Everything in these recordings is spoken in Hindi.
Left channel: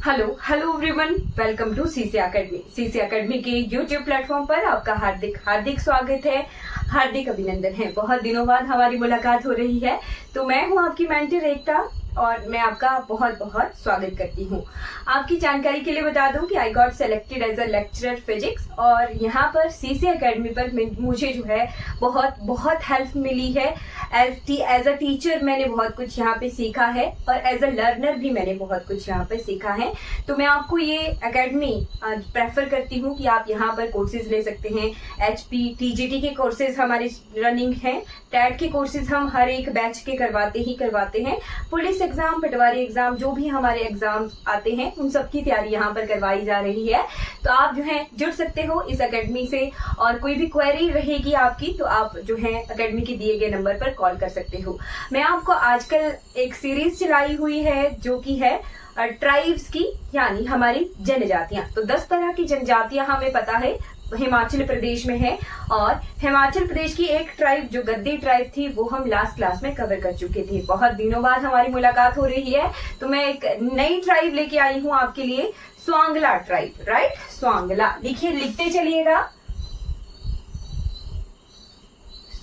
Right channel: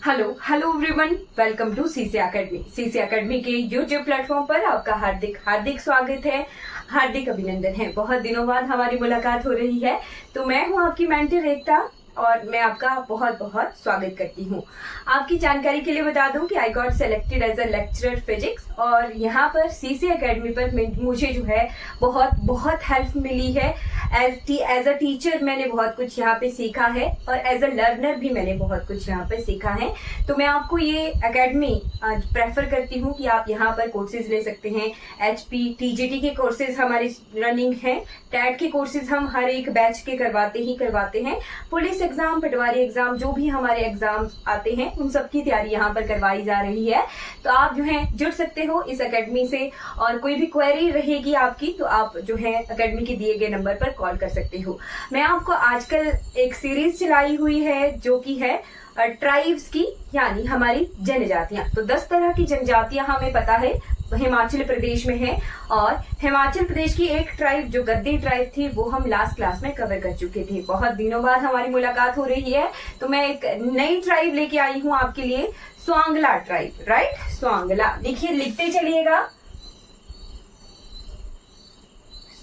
Hello everyone, welcome to CC academy. CC academy के यूट्यूब प्लेटफॉर्म पर आपका हार्दिक स्वागत है, हार्दिक अभिनंदन है। बहुत दिनों बाद हमारी मुलाकात हो रही है, तो मैं हूं आपकी मेंटर एकता और मैं आपका बहुत बहुत स्वागत करती हूं। आपकी जानकारी के लिए बता दूं कि I got selected as a lecturer physics और यहाँ पर सीसी एकेडमी पर मुझे जो है बहुत हेल्प मिली है। एज अ टीचर मैंने बहुत कुछ यहाँ पे सीखा है और एज अ लर्नर भी मैंने बहुत कुछ यहाँ पे सीखा है। तो मैं आपको ये एकेडमी प्रेफर करती हूँ कि आप यहाँ पर कोर्सेज ले सकते हैं। HP TGT के कोर्सेज हमारे रनिंग हैं, टैट के कोर्सेज हम हर एक बैच के करवाते हैं। पुलिस एग्जाम, पटवारी एग्जाम, जो भी हमारे एग्जाम आते हैं उन सबकी तैयारी यहाँ पर करवाई जा रही है। तो आप जो है जुड़ सकते हो इस एकेडमी से और कोई भी क्वेरी रहेगी आपकी तो आप जो है एकेडमी के दिए गए नंबर पर कॉल कर सकते हो। मैं आपको आजकल एक सीरीज चलाई हुई है जो कि है ट्राइब्स की, यानी हमारी जनजातियां। तो 10 तरह की जनजातियां हमें पता है हिमाचल प्रदेश में है और हिमाचल प्रदेश की एक ट्राइब जो गद्दी ट्राइब थी वो हम लास्ट क्लास में कवर कर चुके थे। बहुत दिनों बाद हमारी मुलाकात हो रही है, तो मैं एक नई ट्राइब लेके आई हूँ आपके लिए, स्वांगला ट्राइब। राइट, स्वांगला लिखिए, लिखते चलिएगा,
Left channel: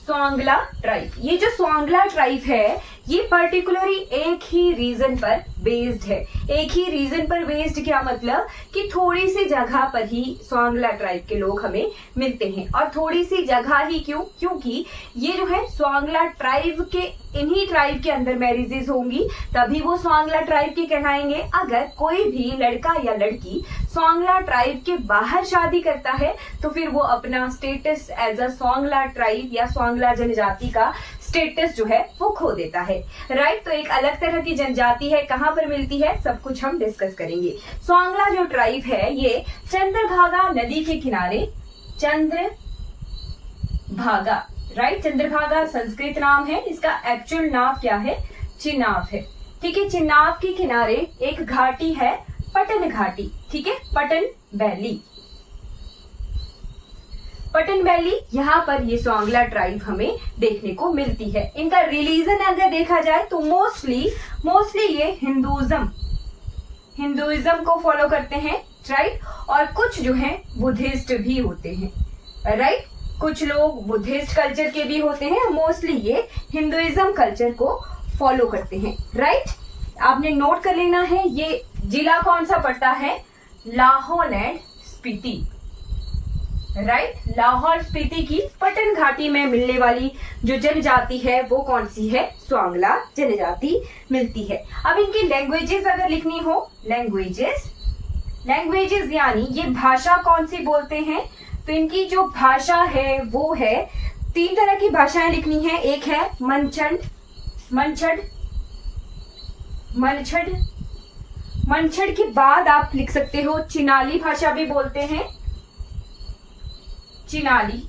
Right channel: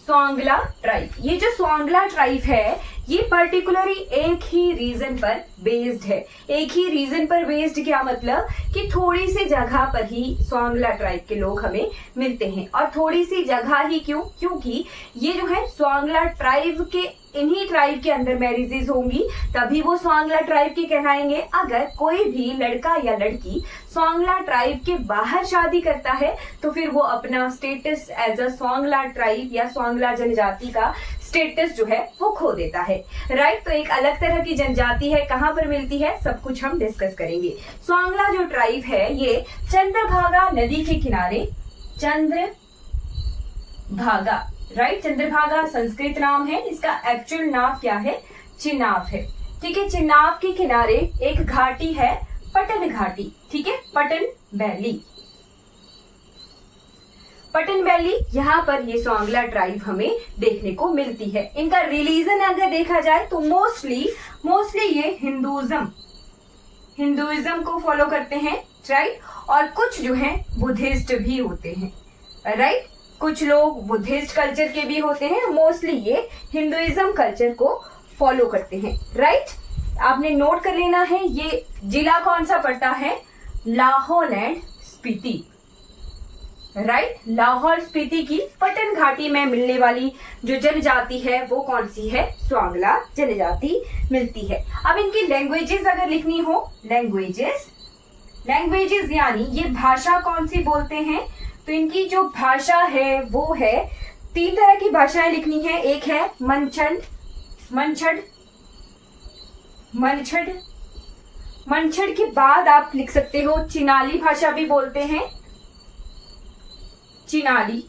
स्वांगला ट्राइब। ये जो स्वांगला ट्राइब है ये पर्टिकुलरली एक ही रीजन पर बेस्ड है। एक ही रीजन पर बेस्ड क्या मतलब कि थोड़ी सी जगह पर ही स्वांगला ट्राइब के लोग हमें मिलते हैं। और थोड़ी सी जगह ही क्यों? क्योंकि ये जो है स्वांगला ट्राइब के, इन्हीं ट्राइब के अंदर मैरिजेस होंगी तभी वो स्वांगला ट्राइब के कहलाएंगे। अगर कोई भी लड़का या लड़की स्वांगला ट्राइब के बाहर शादी करता है तो फिर वो अपना status as a Swangla tribe या स्वांगला जनजाति का स्टेटस जो है वो खो देता है। राइट, तो एक अलग तरह की जनजाति है, कहाँ पर मिलती है सब कुछ हम डिस्कस करेंगे। स्वांगला जो ट्राइब है ये चंद्रभागा नदी के किनारे, चंद्रभागा, राइट, चंद्रभागा संस्कृत नाम है, इसका एक्चुअल नाम क्या है? चिनाब है। ठीक है, चिनाब के किनारे एक घाटी है, पटन घाटी। ठीक है, पटन वैली, पटन वैली, यहाँ पर ये स्वांगला ट्राइब हमें देखने को मिलती है। इनका रिलीजन अगर देखा जाए तो मोस्टली ये हिंदुइज्म को फॉलो करते हैं। राइट, और कुछ जो है बुद्धिस्ट भी होते हैं। राइट, कुछ लोग बुद्धिस्ट कल्चर के भी होते हैं, मोस्टली ये हिंदुइज्म कल्चर को फॉलो करते हैं। राइट, आपने नोट कर लेना है ये जिला कौन सा पड़ता है? लाहौल एंड स्पीति। राइट, लाहौल स्पीति की पटन घाटी में मिलने वाली जो जनजाति है वो कौन सी है? स्वांगला जनजाति मिलती है। अब इनकी लैंग्वेजेस अगर लिखनी हो, लैंग्वेजेस यानी ये भाषा कौन सी बोलते हैं, तो इनकी जो भाषा है वो है, 3 तरह की भाषाएं लिखनी है। एक है मनछड़ के बाद आप लिख सकते हो चिनाली भाषा भी बोलते हैं, चिनाली,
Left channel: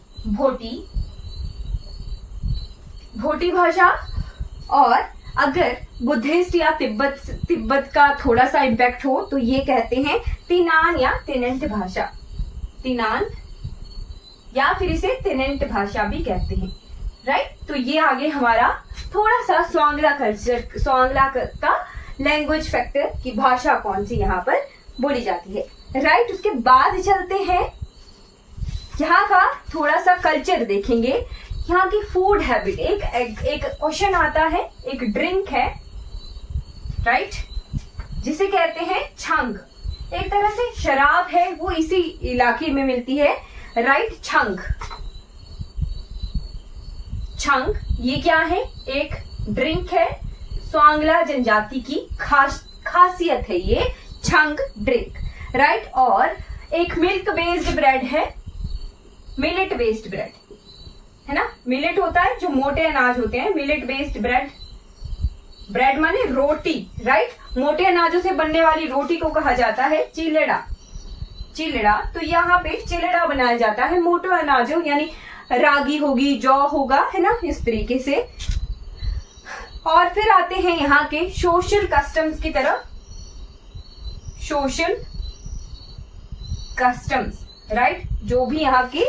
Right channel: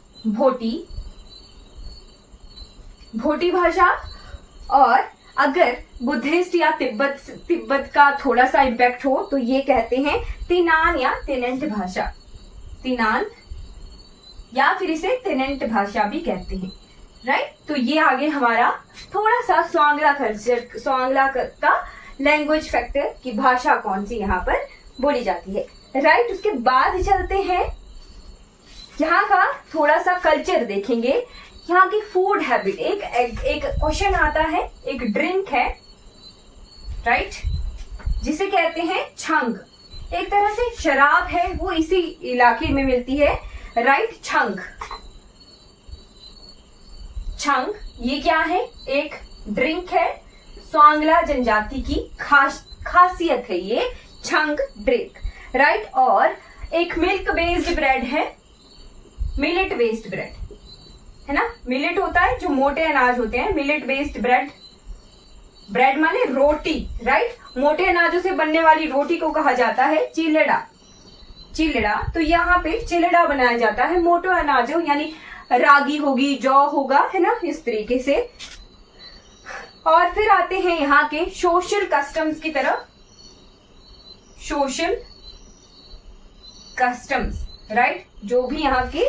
भोटी भाषा। और अगर बुद्धिस्ट या तिब्बत का थोड़ा सा इम्पैक्ट हो तो ये कहते हैं तिनान या तिनेंट भाषा, तिनान या फिर इसे तिनेंट भाषा भी कहते हैं। राइट, तो ये आगे हमारा थोड़ा सा स्वांगला कल्चर, स्वांगला का लैंग्वेज फैक्टर की भाषा कौन सी यहाँ पर बोली जाती है। राइट, उसके बाद चलते हैं यहाँ का थोड़ा सा कल्चर देखेंगे। यहाँ की फूड हैबिट, एक क्वेश्चन आता है, एक ड्रिंक है, राइट, जिसे कहते हैं छंग। एक तरह से शराब है, वो इसी इलाके में मिलती है। राइट, छंग ये क्या है? एक ड्रिंक है, स्वांगला जनजाति की खासियत है ये छंग ड्रिंक। राइट, और एक मिल्क बेस्ड ब्रेड है, मिलेट बेस्ड ब्रेड है ना। मिलेट होता है जो मोटे अनाज होते हैं, मिलेट बेस्ड ब्रेड माने रोटी। राइट, मोटे अनाजों से बनने वाली रोटी को कहा जाता है चिलड़ा। तो यहाँ पे चिलड़ा बनाया जाता है मोटे अनाजों, यानी रागी होगी, जौ होगा, है ना, इस तरीके से। और फिर आते हैं यहाँ के सोशल कस्टम्स की तरफ। सोशल कस्टम्स, राइट, जो भी यहाँ के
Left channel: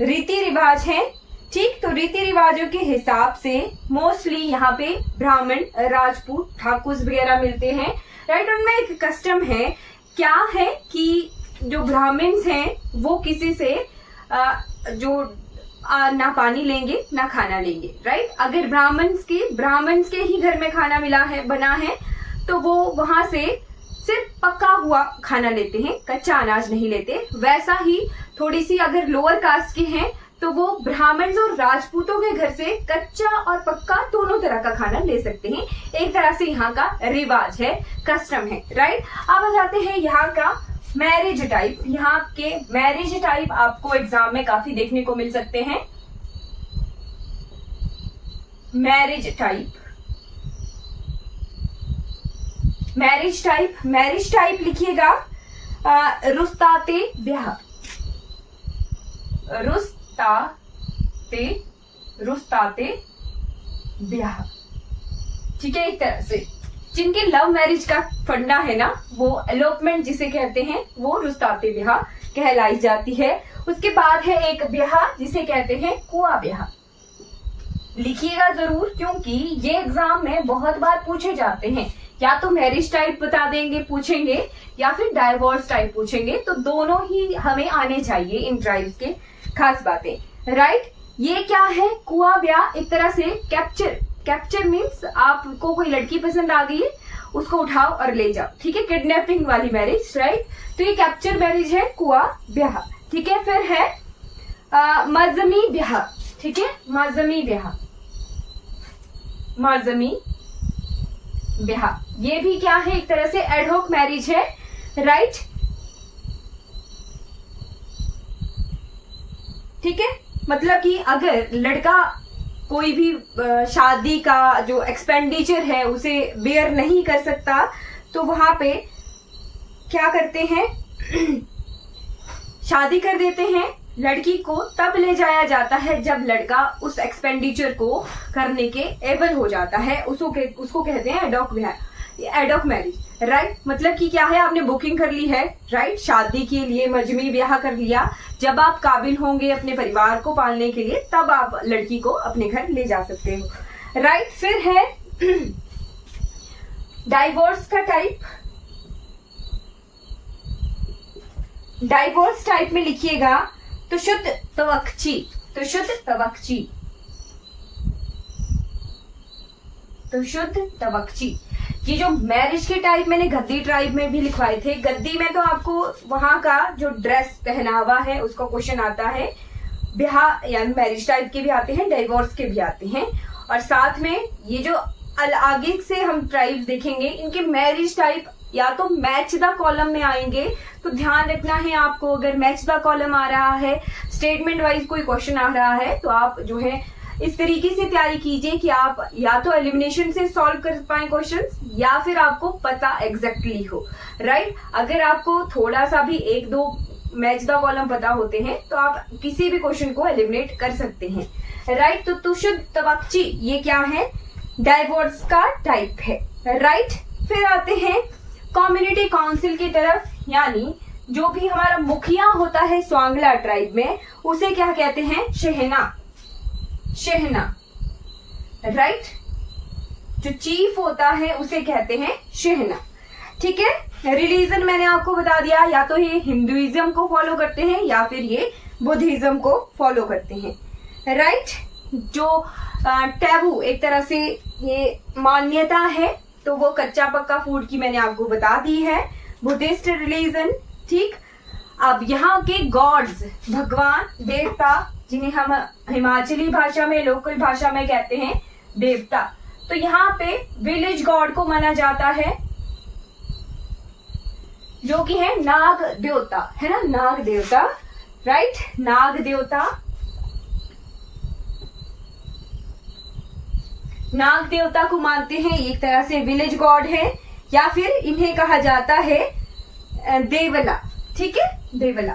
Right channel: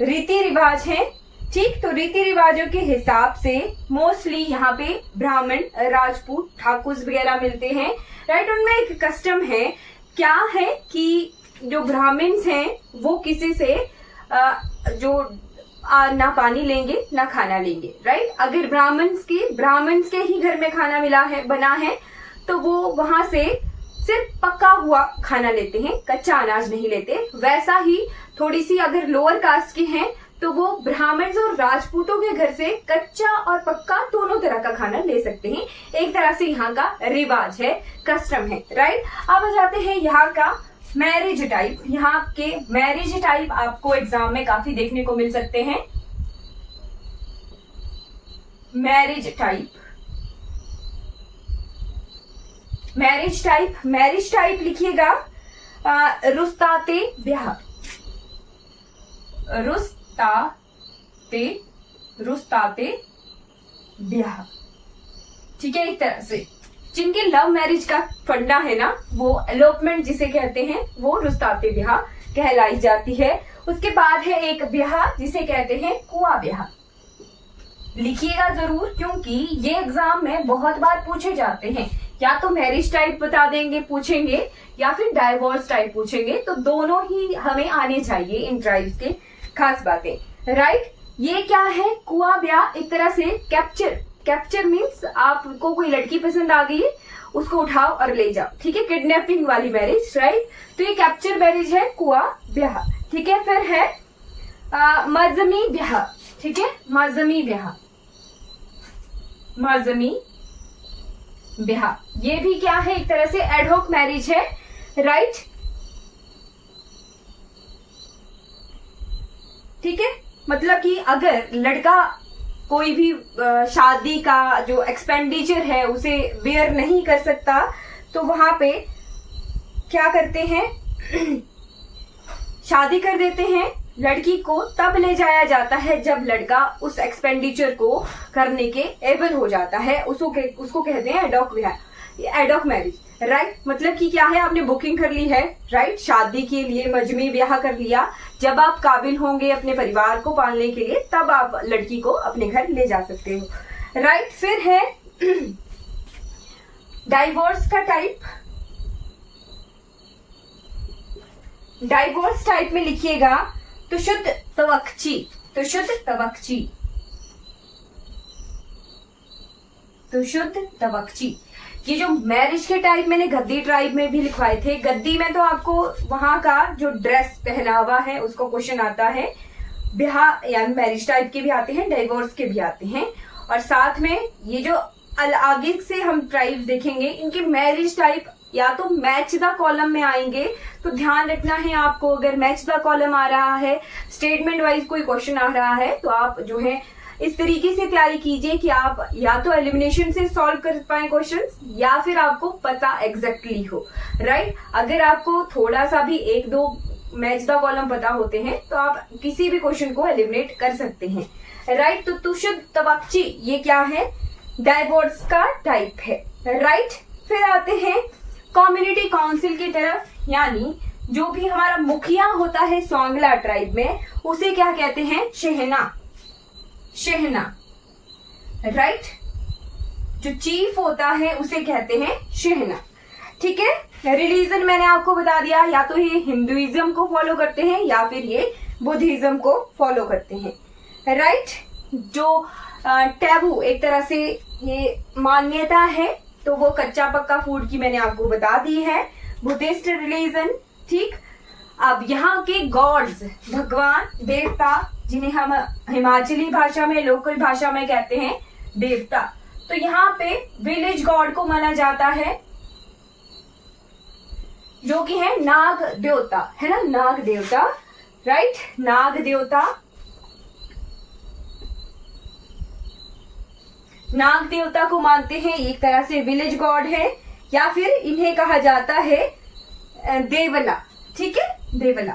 रीति रिवाज हैं ठीक। तो रीति रिवाजों के हिसाब से मोस्टली यहाँ पे ब्राह्मण, राजपूत, ठाकुर वगैरह मिलते हैं, राइट। उनमें एक कस्टम है, क्या है कि जो ब्राह्मण्स हैं वो किसी से ना पानी लेंगे ना खाना लेंगे, राइट। अगर ब्राह्मण्स के ही घर में खाना मिला है, बना है, तो वो वहां से सिर्फ पका हुआ खाना लेते हैं, कच्चा अनाज नहीं लेते। वैसा ही थोड़ी सी अगर लोअर कास्ट के हैं तो वो ब्राह्मण और राजपूतों के घर से कच्चा और पक्का दोनों तरह का खाना ले सकते हैं। एक तरह से यहाँ का रिवाज है, कस्टम है, राइट। अब आ जाते हैं यहाँ का मैरिज टाइप। यहाँ के मैरिज टाइप आपको एग्जाम में काफी देखने को मिल सकते हैं। मैरिज टाइप लिखिएगा रुस्ताते ब्याह, रुस्ताते ब्याह, ठीक है। एक तरह से जिनके लव मैरिज का फंडा है ना, वो एलोपमेंट जिसे कहते हैं, वो रुस्ताते ब्याह कहलाई जाती है। उसके बाद है एक ब्याह जिसे कहते हैं कुआ ब्याह। लिखिएगा जरूर, क्योंकि ये एग्जाम में बहुत बार पूछे जाते हैं। या तो मैरिज टाइप बता देंगे, पूछेंगे, या फिर डाइवोर्स टाइप पूछेंगे। तो दोनों ही हमें आने चाहिए इन ट्राइब्स के खास बातें, राइट। ये क्या है? कुआ ब्याह एक तरह से कैप्चर मीन्स आपको कोई लड़की पसंद आ गई, उसको उठाओ और ले जाओ, ठीक है। किडनैपिंग वाली मैरिज, राइट। तो ये कैप्चर मैरिज है, कुआ ब्याह, ठीक है। फिर है मजमी ब्याह, ठीक है। मजमी ब्याह, ये भी क्या है? एक तरह से एडहॉक मैरिज है, राइट, ठीक है। मतलब कि अगर लड़का कोई भी शादी का जो एक्सपेंडिचर है उसे बेयर नहीं कर सकता, तो वहां पे क्या करते हैं, शादी कर देते हैं। लड़की को तब ले जाया जाता है जब लड़का उस एक्सपेंडिचर को करने के एबल हो जाता है। उसको कहते हैं एडॉक मैरिज, राइट। मतलब कि क्या है, आपने बुकिंग कर ली है, राइट, शादी के लिए मजमी ब्याह कर लिया। जब आप काबिल होंगे अपने परिवार को पालने के लिए, तब आप लड़की को अपने घर ले जा सकते हो, राइट। फिर है डाइवोर्स का टाइप। डाइवोर्स टाइप में लिखिएगा तुशुद तवक्ची। ये जो मैरिज के टाइप मैंने गद्दी ट्राइब में भी लिखवाए थे। गद्दी में तो आपको वहां का जो ड्रेस पहनावा है उसको क्वेश्चन आता है। ब्याह यानी मैरिज टाइप के भी आते हैं, डाइवोर्स के भी आते हैं। और साथ में ये जो आगे से हम ट्राइब्स देखेंगे, इनके मैरिज टाइप या तो मैच द कॉलम में आएंगे। तो ध्यान रखना है आपको, अगर मैच द कॉलम आ रहा है, स्टेटमेंट वाइज कोई क्वेश्चन आ रहा है, तो आप जो है इस तरीके से तैयारी कीजिए कि आप या तो एलिमिनेशन से सॉल्व कर पाए क्वेश्चन, या फिर आपको पता एग्जैक्टली हो, राइट। अगर आपको थोड़ा सा भी एक दो मैच द कॉलम पता होते हैं तो आप किसी भी क्वेश्चन को एलिमिनेट कर सकते हैं, राइट। तो तुशुद तवक्ची ये क्या है? डाइवोर्स का टाइप है, राइट। फिर आते हैं कम्युनिटी काउंसिल की तरफ, यानी जो भी हमारा मुखिया होता है स्वांगला ट्राइब में, उसे क्या कहते हैं? शहना, राइट। जो चीफ होता है उसे कहते हैं शहना, ठीक है। रिलीजन मैंने आपको बता दिया, या तो ये हिंदुइज्म को फॉलो करते हैं या फिर ये बुद्धिज्म को फॉलो करते हैं, राइट। जो टैबू एक तरह से ये मान्यता है, तो वो कच्चा पक्का फूड की मैंने आपको बता दी है। बुद्धिस्ट रिलीजन, ठीक। अब यहाँ के गॉड्स, भगवान, देवता, जिन्हें हम हिमाचली भाषा में, लोकल भाषा में कहते हैं देवता, तो यहाँ पे विलेज गॉड को माना जाता है, जो कि है नाग देवता, है ना, नाग देवता, राइट। नाग देवता को मानते हैं, एक तरह से विलेज गॉड है, या फिर इन्हें कहा जाता है देवला, ठीक है, देवला,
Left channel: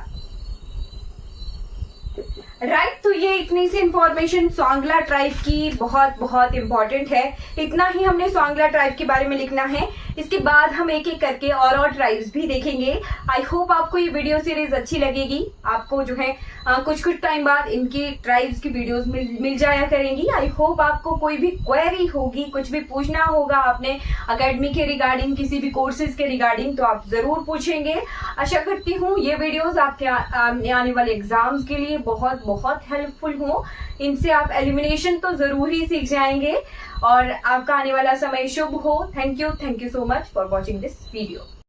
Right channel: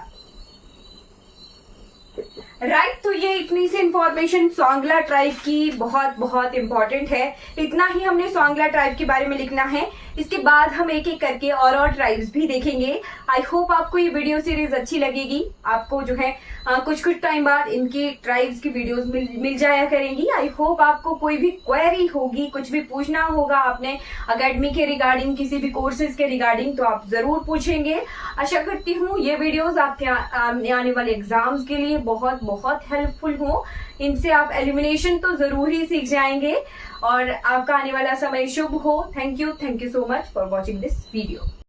राइट तो ये इतनी सी इंफॉर्मेशन स्वांगला ट्राइब की बहुत बहुत इंपॉर्टेंट है। इतना ही हमने स्वांगला ट्राइब के बारे में लिखना है। इसके बाद हम एक एक करके और ट्राइब्स भी देखेंगे। आई होप आपको ये वीडियो सीरीज अच्छी लगेगी। आपको जो है कुछ कुछ टाइम बाद इनकी ट्राइब्स की वीडियोस मिल जाया करेंगी। आई होप आपको कोई भी क्वेरी होगी, कुछ भी पूछना होगा आपने एकेडमी के रिगार्डिंग, किसी भी कोर्सेज के रिगार्डिंग, तो आप जरूर पूछेंगे। आशा करती हूँ ये वीडियोस आपके आने वाले एग्जाम्स के लिए बहुत बहुत हेल्पफुल हो। इनसे आप एलिमिनेशन तो जरूर ही सीख जाएंगे और आपका आने वाला समय शुभ हो। Thank you so much for watching this video.